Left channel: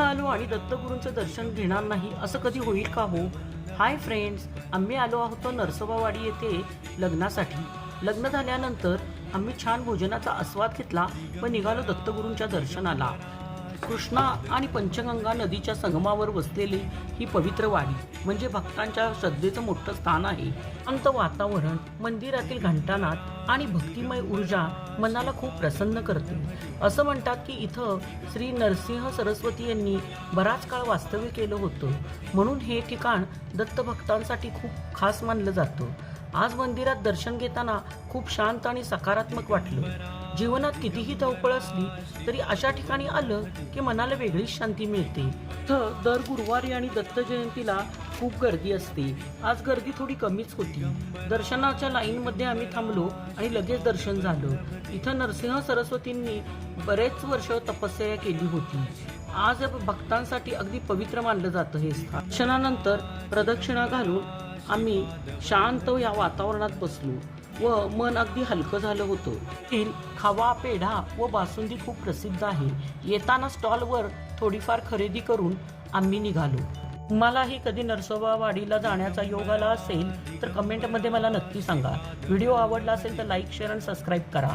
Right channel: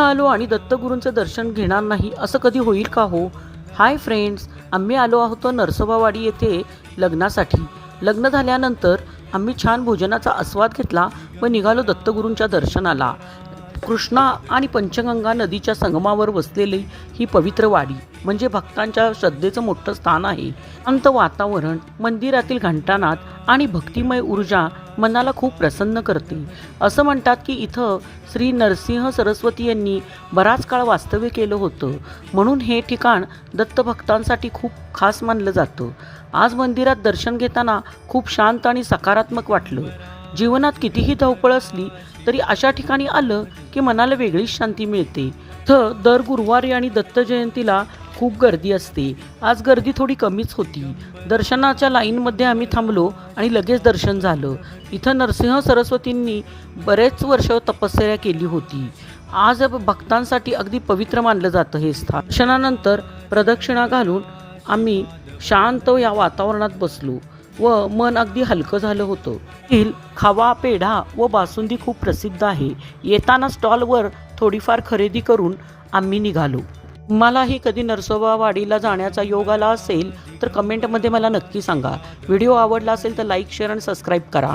इथं आलो आणि दत्तगुरूंचं दर्शन घेणार नाही असं कधी होईल का हो? हाय फ्रेंड्स, आम्ही आलो आहोत नरसोबावाडी येथे लग्नासाठी. लग्न झाल्यानंतर आम्ही छान भोजनाचा आस्वाद घेतला व निघालो दत्तगुरूंच्या दर्शनाला. कृष्णा आणि पंचगंगा नदीच्या संगमावर वसलेली ही पवित्र वाडी म्हणजे भक्तांच्या श्रद्धेचं मोठं स्थान आहे. शांत वातावरण, मंदिरातील घंटानाद आणि भक्तिमय ऊर्जा मनाला खूप प्रसन्न करते. असं म्हणतात की इथं श्री नरसिंह सरस्वती यांनी बराच काळ वास्तव्य केलं होतं, म्हणून हे ठिकाण दत्तभक्तांसाठी खूप खास मानलं जातं. आज मंदिरात दर्शन घेताना खूप शांत आणि सकारात्मक वाटलं. जीवनात कितीही धावपळ असली तरी अशा ठिकाणी आलं की मनाला वेगळीच शांती मिळते. इथं दर गुरुवारी आणि दत्त जयंतीला खूप गर्दी असते. आज गर्दी थोडी कमीच होती. दर्शनाच्या लाईनमध्ये आम्ही थांबलो आणि लगेच दर्शन झालं. इथं नरसिंह सरस्वतींनी बरेच वर्ष तपश्चर्या केली होती. आज भक्तांसाठी अगदी पवित्र मानलं जातं हे स्थान. दर्शनानंतर प्रदक्षिणा घालून आम्ही शांत या वातावरणात बसलो व मन अगदी हलकं झालं होतं. येथील खवा, पेढा व बासुंदी खूप प्रसिद्ध आहे. येताना स्टॉलवर थोडीफार खरेदी करून आम्ही निघालो. मलाही कधी नरसोबावाडीला जाण्याचा योग आला असेल तर कमेंटमध्ये मला नक्की सांगा. व्हिडिओ आवडला असेल तर लाईक, शेअर आणि सबस्क्राईब करा.